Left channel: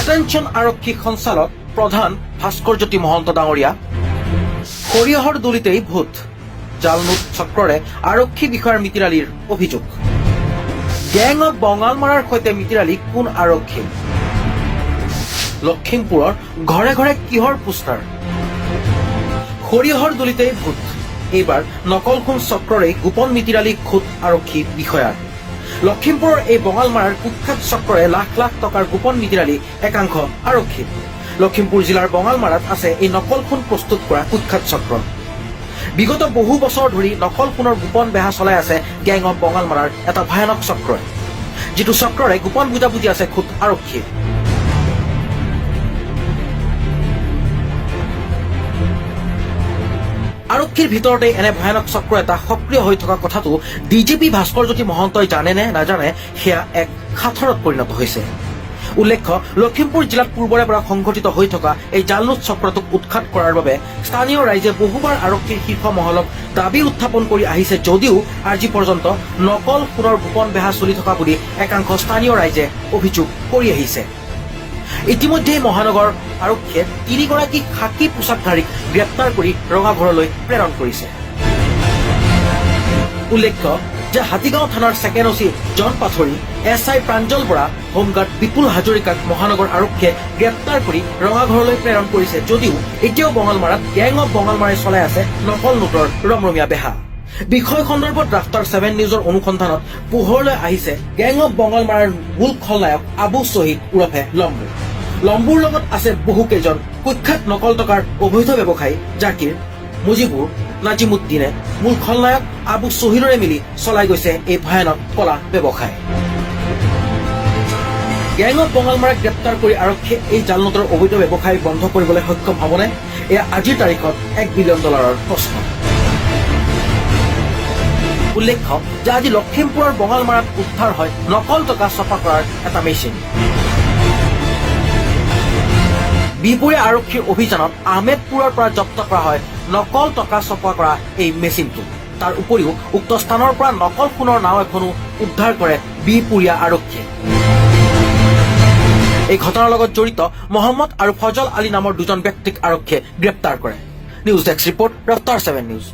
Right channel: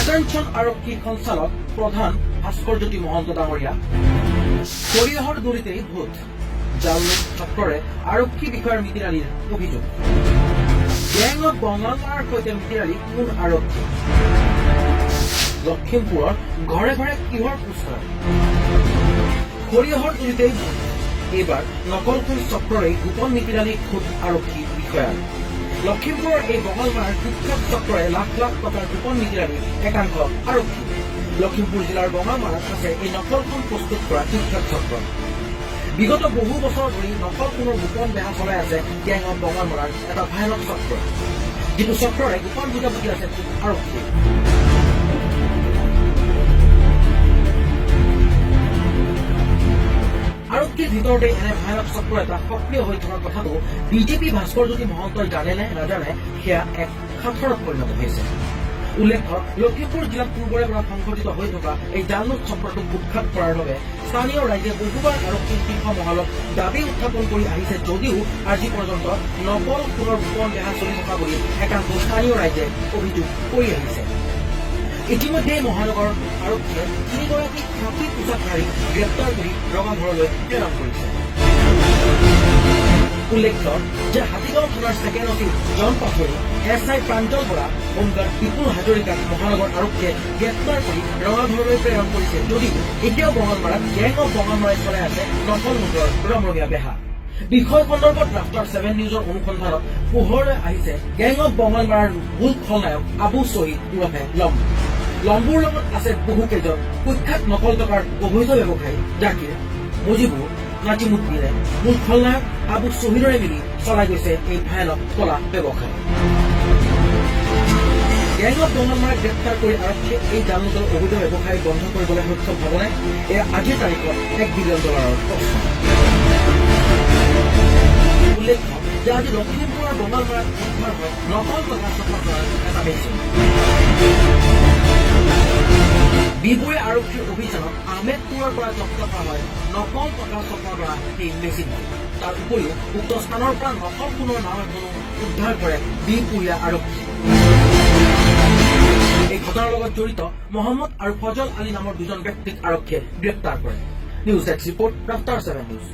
Attention আৰক্ষী সঞ্চালক প্ৰধান ভাস্কৰজ্যোতি মহন্ত ডাঙৰীয়া। সৰিয়হৰ দলিতেই ভূত, জালনোট চক্ৰৰে আৰক্ষী বিষয়াৰ মিতিৰালিৰ অভিযোগ। গেং অৱ বঙালমাৰাৰ সৈতে মিতিৰালি কোন আৰক্ষী? লখিমপুৰৰ ঘৰে ঘৰে কিহৰ পোষ্টাৰ? সৰিয়হৰ দলিতেই ভূত, এইবাৰ নকল সোণ চক্ৰৰেই গোপন মিতিৰালি খোদ আৰক্ষী বিষয়াৰ। লখিমপুৰৰ এই বঙালমাৰাৰ কুখ্যাত চক্ৰৰে লাখ লাখ টকাৰ গোপন মিতিৰালি একাংশ আৰক্ষী। লখিমপুৰ জিলাৰ বঙালমাৰাত আছে এই নকল সোণ প্ৰস্তুত কৰা কুখ্যাত চক্ৰ। বিগত বহু বছৰ ধৰি নকল সোণৰ গোপন বেহা চলাই আছে গেং অৱ বঙালমাৰাৰ এটা ভয়ানক চক্ৰ, যিটো চক্ৰৰে গোপন বুজাবুজি আছে খোদ আৰক্ষী। আৰক্ষীৰ ভিতৰতে এনে ভয়ানক চক্ৰ এটা সক্ৰিয় হৈ থকা কথাটো ডিজিপি ভাস্কৰজ্যোতি মহন্তই জানে নে নাজানে সেয়া এক সাঁথৰত পৰিণত হৈছে। উল্লেখ্য, লখিমপুৰ জিলাত পূৰ্বৰে পৰা সংঘটিত হৈ থকা এই জালনোট চক্ৰটোক উৎখাত কৰাৰ বাবে স্থানীয় ৰাইজে বহুবাৰ আৰক্ষীৰ শীৰ্ষ মহলক দাবী উত্থাপন কৰি আহিছে যদিও আজি পৰ্যন্ত নকল সোণৰ গোপন বেহা চলি থকা বুলি একাংশ স্থানীয় ৰাইজে অভিযোগ কৰি আহিছে। ইতিমধ্যে মহানগৰ আৰক্ষীয়ে 3গৰাকী খাকী পোছাকধাৰীক গ্ৰেপ্তাৰ কৰি ৰঙাঘৰলৈ প্ৰেৰণ কৰিছে। উল্লেখ্য যে হাতীগাঁও থানাৰ ছেকেণ্ড অচি জন পাথৰী, SI প্ৰাঞ্জল বৰা, হোমগাৰ্ড বিপুল হাজৰিকাক মহানগৰ আৰক্ষীয়ে গ্ৰেপ্তাৰ কৰি ৰঙাঘৰলৈ প্ৰেৰণ কৰিছে যদিও এতিয়াও বঙালমাৰাত গেং অৱ বঙালমাৰাই চলাই আছে নকল নোটৰ ৰমৰমীয়া বেহা। বিষয় সন্দৰ্ভত ৰাফতাৰ 7 নিউজৰ অনুসন্ধানত পোহৰলৈ আহিছে গেং অৱ বঙালমাৰাৰ মূল খলনায়ক আবু শ্বহীদ ওৰফে লম্বু। লম্বুৰ লগত আছে বহু কেইজন কুখ্যাত নকল টকাৰ অবৈধ ব্যৱসায়ী জাকিৰ, মুজিবুৰ, নাজিমুদ্দিনে মূল খলনায়ক আবু শ্বহীদৰে মিলি চলাই গৈছে এই ভয়ানক কলা ব্যৱসায়। গেং অৱ বঙালমাৰাক গ্ৰেপ্তাৰ কৰি আৰক্ষীয়ে এই জালনোটৰ অবৈধ ব্যৱসায় বন্ধ কৰিবলৈ সক্ষম হ'বনে? এয়া আজিৰ তাৰিখত $1 বিলিয়ন প্ৰশ্ন। উল্লেখ্য যে আজি লখিমপুৰৰ বঙালমাৰাত উদ্ধাৰ হয় নকল টকা ছপা কৰাৰ এটা মেচিন। বিপুৰীয়া আৰক্ষীৰ অভিযানত আহমেদপুৰৰ পৰা জব্দ কৰা হয় নকল টকা ছপা কৰা এই মেচিনটো। তাৰ উপৰিও উক্ত স্থানৰ পৰা নকল সোণৰ নাও এখনো উদ্ধাৰ কৰে বিপুৰীয়া আৰক্ষীয়ে। এই ঘটনাৰ লগত জড়িত মহম্মদ আৰু ফজল আলী নামৰ দুজন ব্যক্তিক আৰক্ষীয়ে গ্ৰেপ্তাৰ কৰে। News desk report, Raftaar 7 news.